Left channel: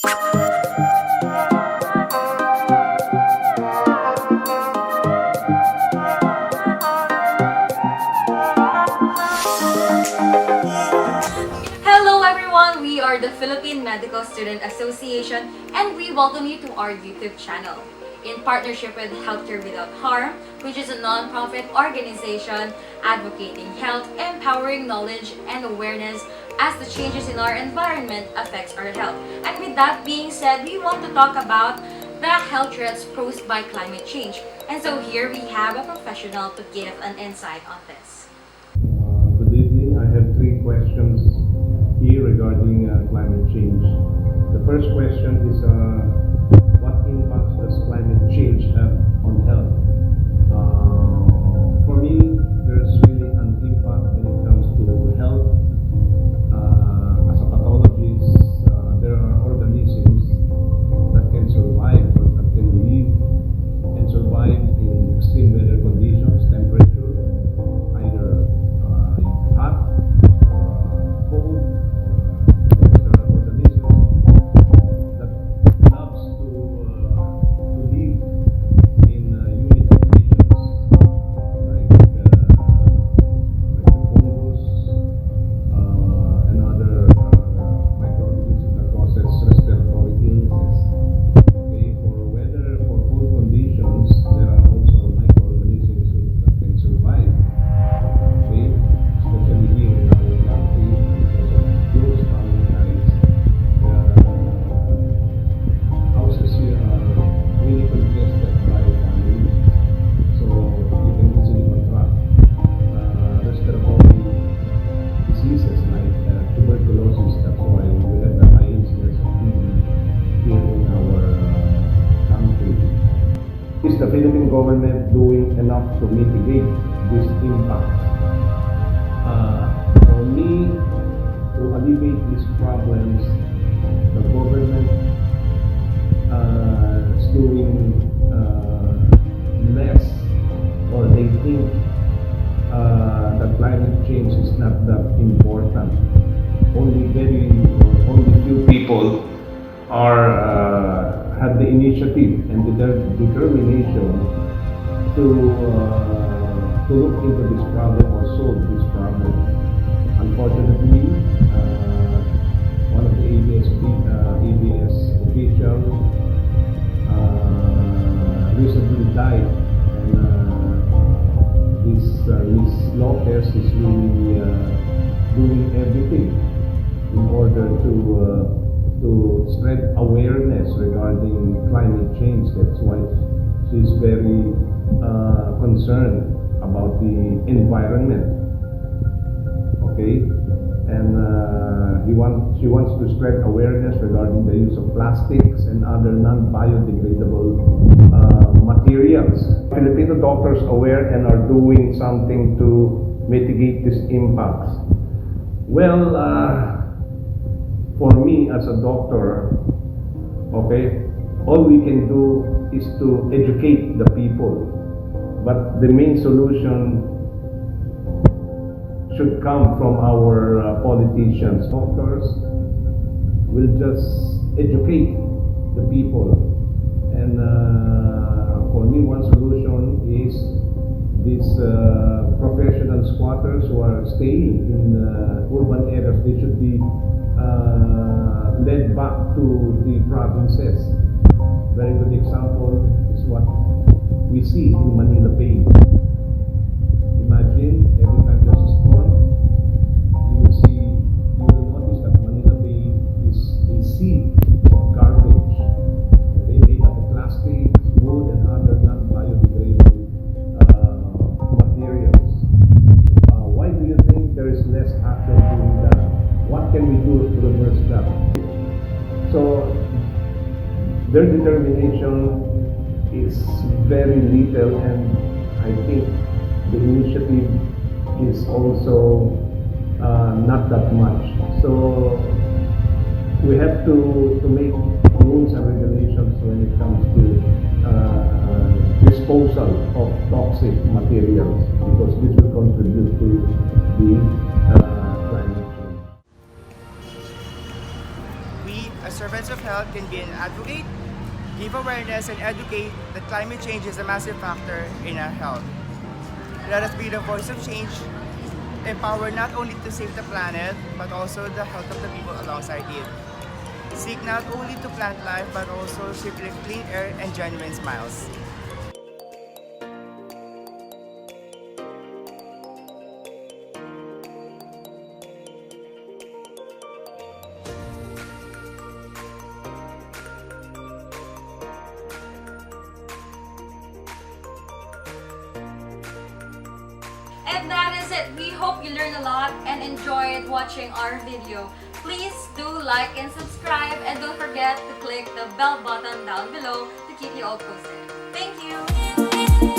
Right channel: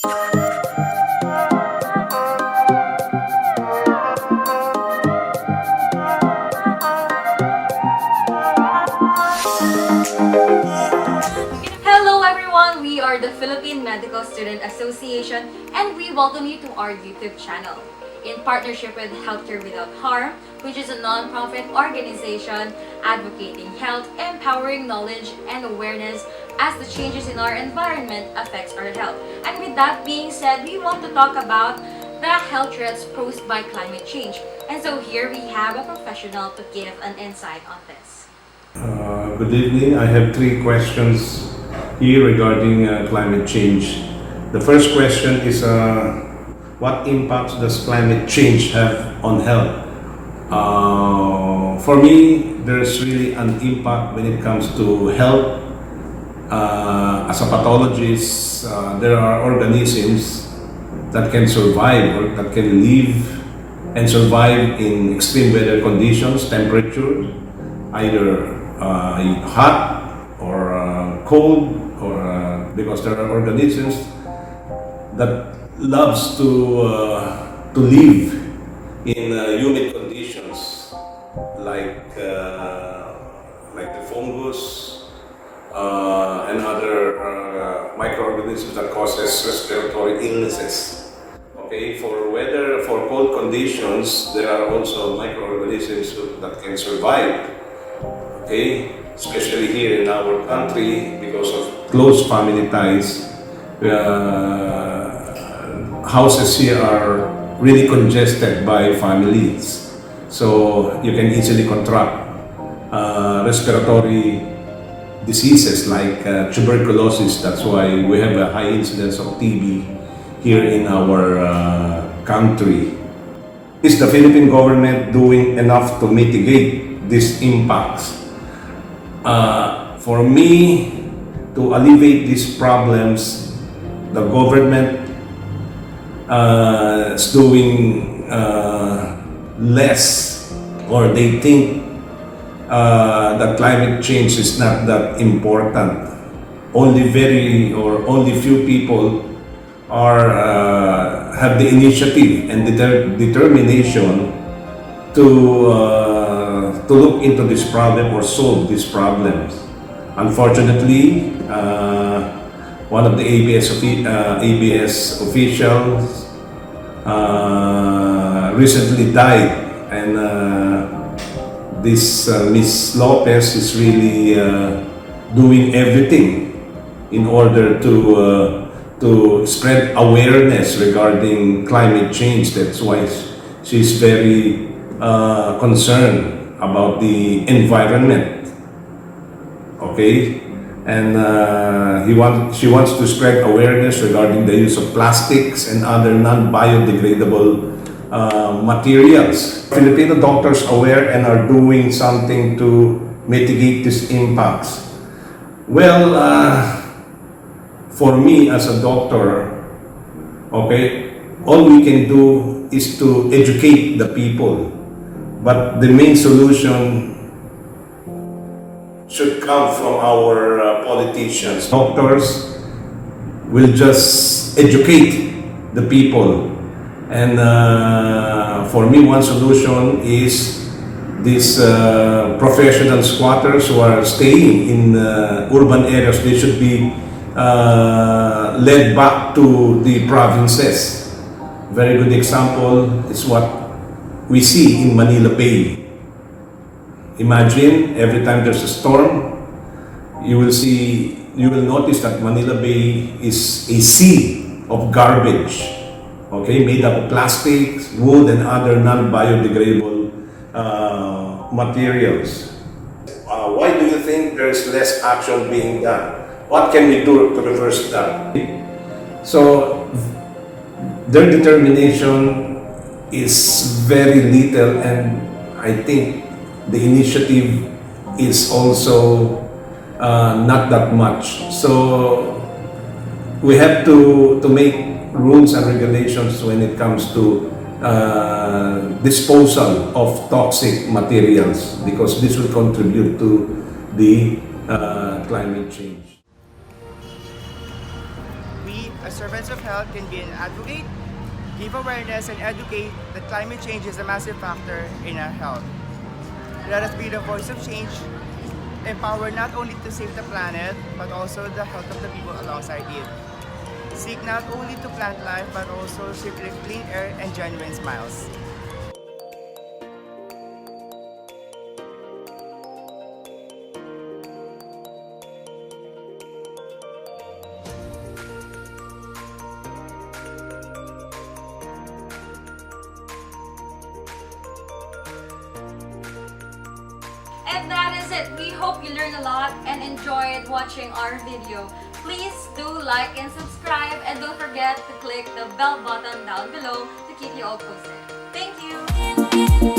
Hello everyone, we are the Philippine Medical Student Association and we welcome you to our YouTube channel. In partnership with Healthcare Without Harm, which is a non-profit organization advocating health, empowering knowledge and awareness as the changes in our environment affects our health. And with that being said, we want to talk about the health threats posed by climate change. And so here we have a professional to give an insight on this. Good evening. I have three questions here regarding climate change. The first question is what impacts does climate change have on health? For me, there's really an impact when it comes to health. As a pathologist, there are organisms that can survive or that can live and survive in extreme weather conditions, temperature, either hot or cold, or because there are organisms that loves to live in humid conditions, like the fungus and other microorganisms that causes respiratory illnesses. Okay, for cold conditions, there are also microorganisms that can survive. Okay, especially here in our country, because of close family ties, houses here are really congested by families. So you can easily contract respiratory diseases like tuberculosis. That's why we have a high incidence of TB here in our country. Is the Philippine government doing enough to mitigate these impacts? For me, to alleviate these problems, the government is doing less, or they think that climate change is not that important. Only few people have the initiative and determination to look into this problem or solve these problems. Unfortunately, one of the ABS officials recently died, and this Miss Lopez is really doing everything in order to spread awareness regarding climate change. That's why she's very concerned about the environment. Okay, and she wants to spread awareness regarding the use of plastics and other non-biodegradable materials. Filipino doctors aware and are doing something to mitigate these impacts. Well, for me as a doctor, okay, all we can do is to educate the people. But the main solution should come from our politicians. Doctors will just educate the people. And for me, one solution is these professional squatters who are staying in urban areas. They should be led back to the provinces. Very good example is what we see in Manila Bay. Imagine every time there's a storm, you will notice that Manila Bay is a sea of garbage, okay, made up of plastics, wood, and other non-biodegradable materials. Why do you think there's less action being done? What can we do to reverse that? So their determination is very little, and I think the initiative is also not that much. So we have to make rules and regulations when it comes to disposal of toxic materials, because this will contribute to the climate change. we, as servants of health, can be an advocate, give awareness, and educate that climate change is a massive factor in our health. Let us be the voice of change, empower not only to save the planet, but also the health of the people alongside it. Seek not only to plant life, but also circulate clean air and genuine smiles. And that is it. We hope you learned a lot and enjoyed watching our video. Please do like and subscribe, and don't forget to click the bell button down below to keep you all posted. Thank you!